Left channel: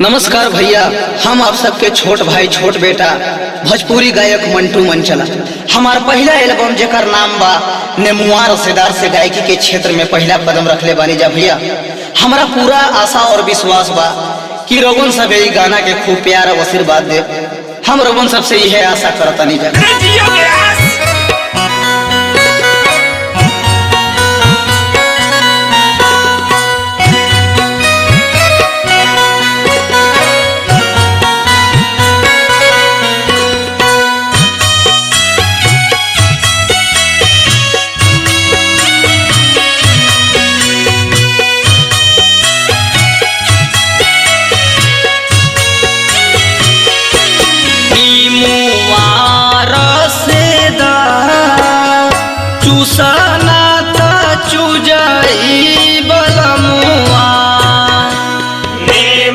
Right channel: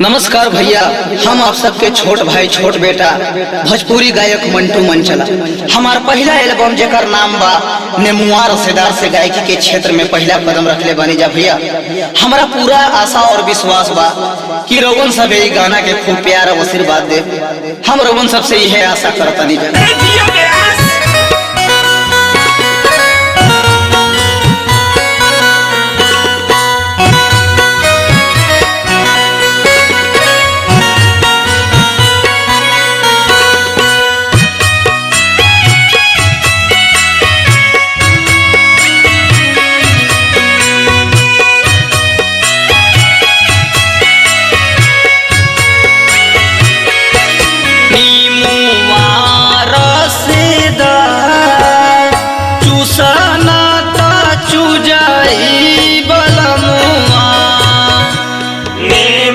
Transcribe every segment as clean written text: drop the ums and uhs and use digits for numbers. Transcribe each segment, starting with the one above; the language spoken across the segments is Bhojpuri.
नमस्कार भैया, हम आप सबके छोट भाई छोट बेटा भोजपुरी गायक मंटू मंचला। हमार पहला एल्बम जेकर नाम बा नेमुआ रसेदार से गायकी के क्षेत्र में पहला कदम रखले बानी जा भैया। हमारा पूरा आशा और विश्वास बा कि रोगन सब ये गाना के खूब प्यार और आशीर्वाद दे। हम रोगन सबसे यह आशा करतनी जा। चूसना ता चुजाई बलमुआ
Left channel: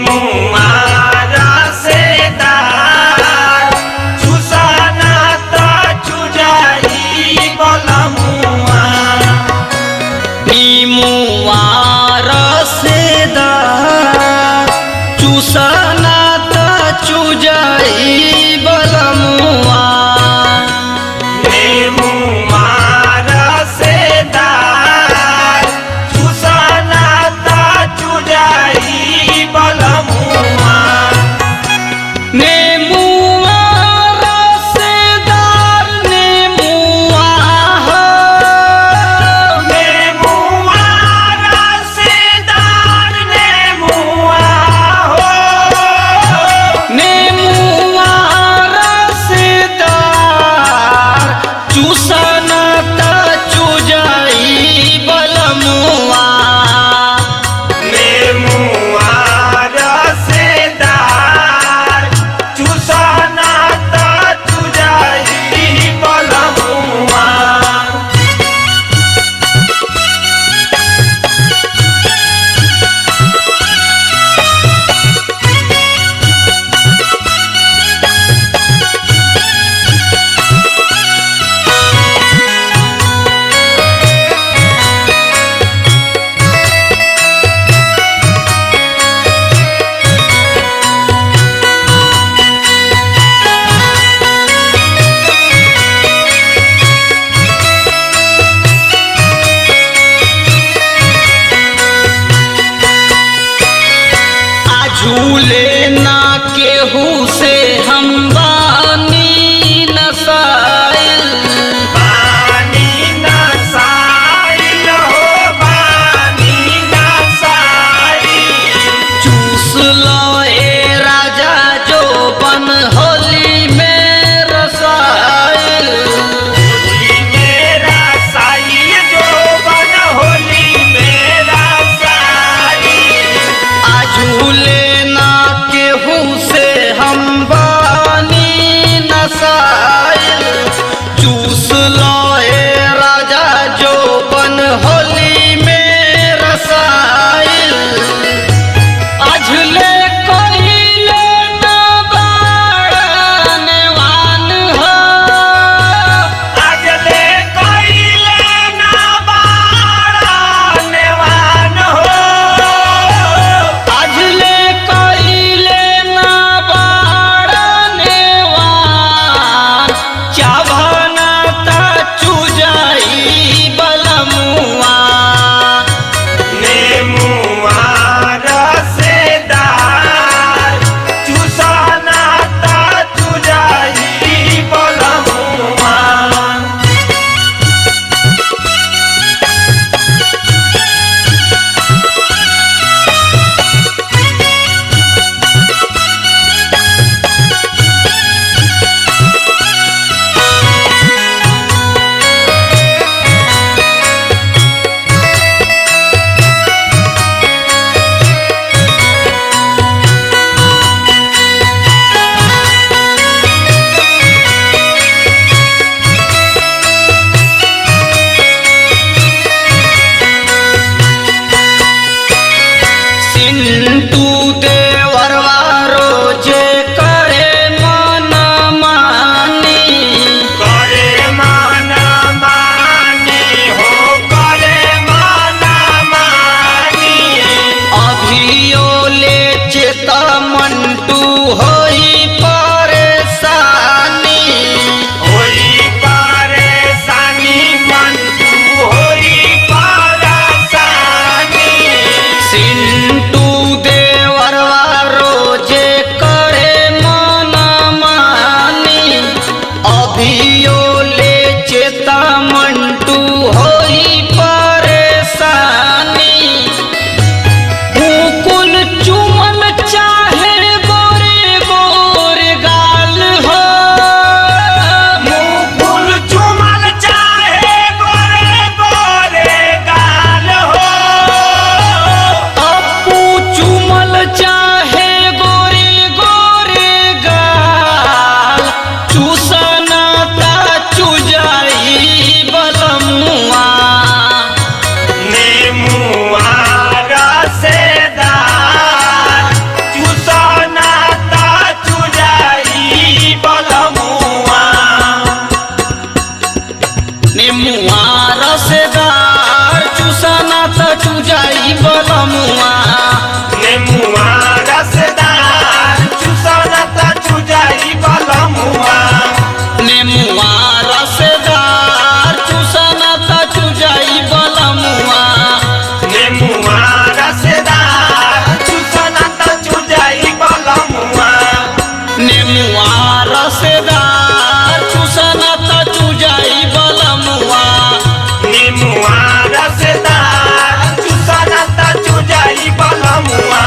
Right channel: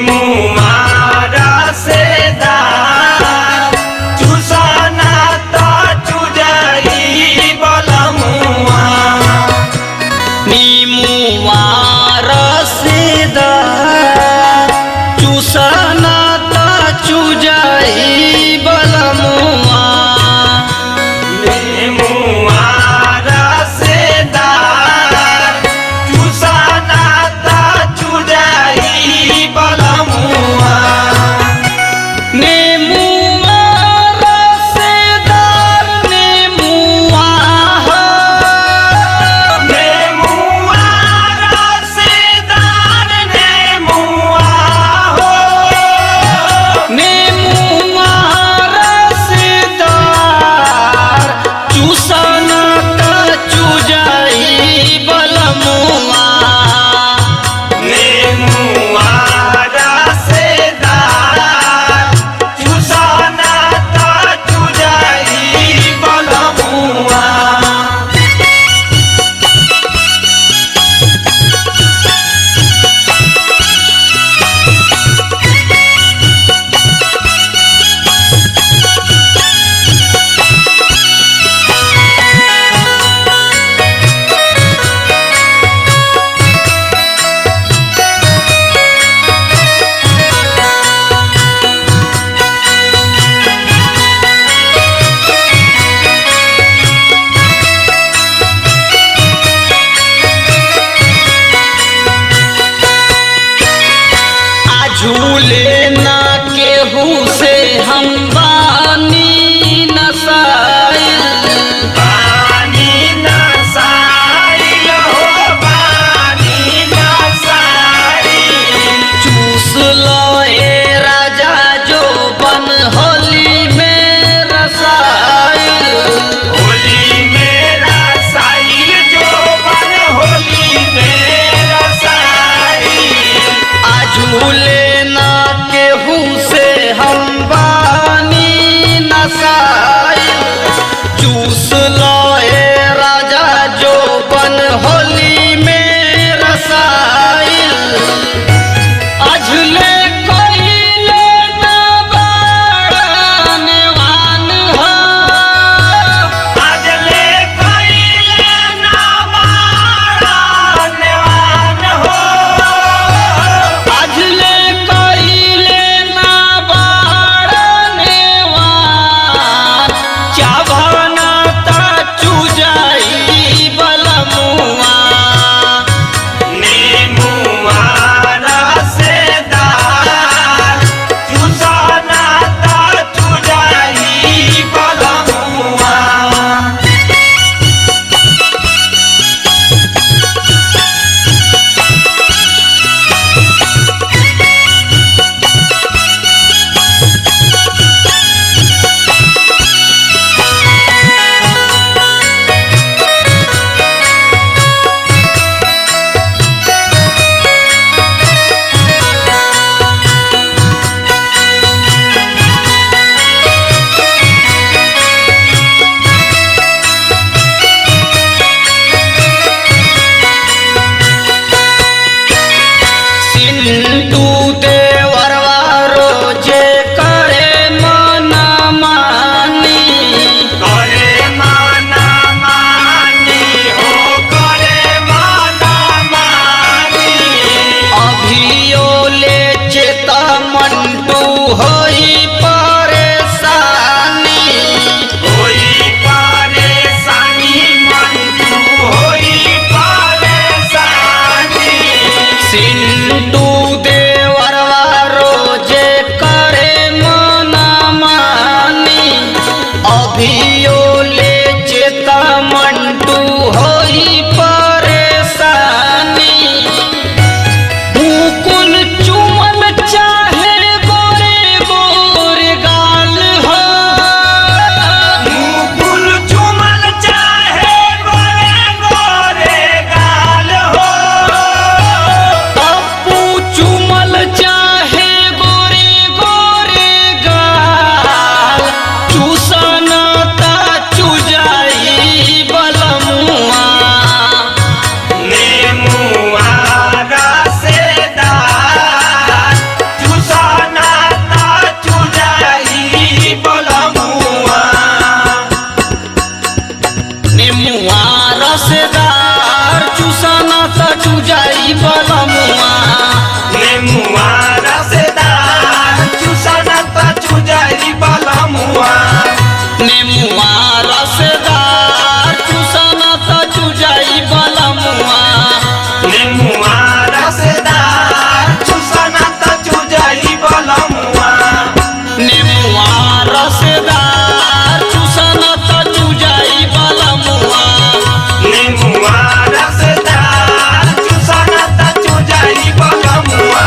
नेमुआ रसेदार चूसना ता चुजाई बलमुआ नीमुआ रसेदार चूसना ता चुजाई बलमुआ झूले ना केहू से हम बानी नसाइल चूस लो ए राजा जो बन होली में रसाइल झूले ना केहू से हम बानी नसाइल चूस लो ए राजा जो बन होली में रसाइल अझले कोइले ना बाड़नवान हो अझले कोइले ना बाड़नवान हो अझले कोइले ना बाड़नवान चाभना ता चुजाई बलमुआ नेमुआ रसेदार चूसना ता चुजाई बलमुआ सिंटू देवरवा रोजे करे मन मानी करे माना मानी हो करे माना मानी अभियो ले चेता मंटू होई परेशानी होई परेशानी मंटू होई परेशानी सिंटू देवरवा रोजे करे मन मानी अभियो ले चेता मंटू होई परेशानी मुकुल चुमल चाहे गोरे गोरे गाल हो मुकुल चुमल चाहे गोरे गोरे गाल हो अपू चुमल चाहे गोरे गोरे गाल चूसना ता चुजाई बलमुआ नेमुआ रसेदार चूसना ता चुजाई बलमुआ नेमुआ रसेदार चूसना ता चुजाई बलमुआ नेमुआ रसेदार चूसना ता चुजाई बलमुआ नेमुआ रसेदार चूसना ता चुजाई बलमुआ नेमुआ रसेदार चूसना ता चुजाई बलमुआ नेमुआ रसेदार चूसना ता चुजाई बलमुआ नेमुआ रसेदार चूसना ता चुजाई बलमुआ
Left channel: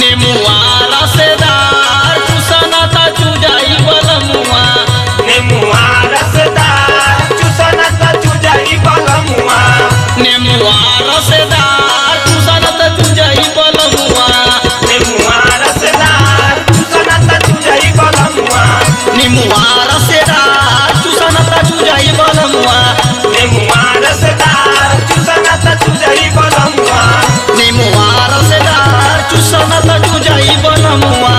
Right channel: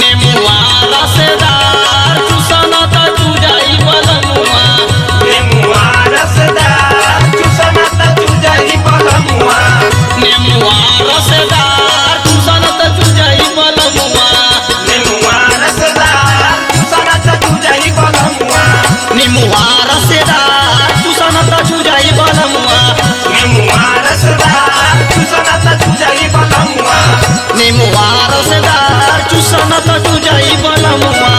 नेमुआ रसेदार चूसना ता चुजाई बलमुआ नेमुआ रसेदार चूसना ता चुजाई बलमुआ नेमुआ रसेदार चूसना ता चुजाई बलमुआ नेमुआ रसेदार चूसना ता चुजाई बलमुआ नेमुआ रसेदार चूसना ता चुजाई बलमुआ नेमुआ रसेदार चूसना ता चुजाई बलमुआ नेमुआ रसेदार चूसना ता चुजाई बलमुआ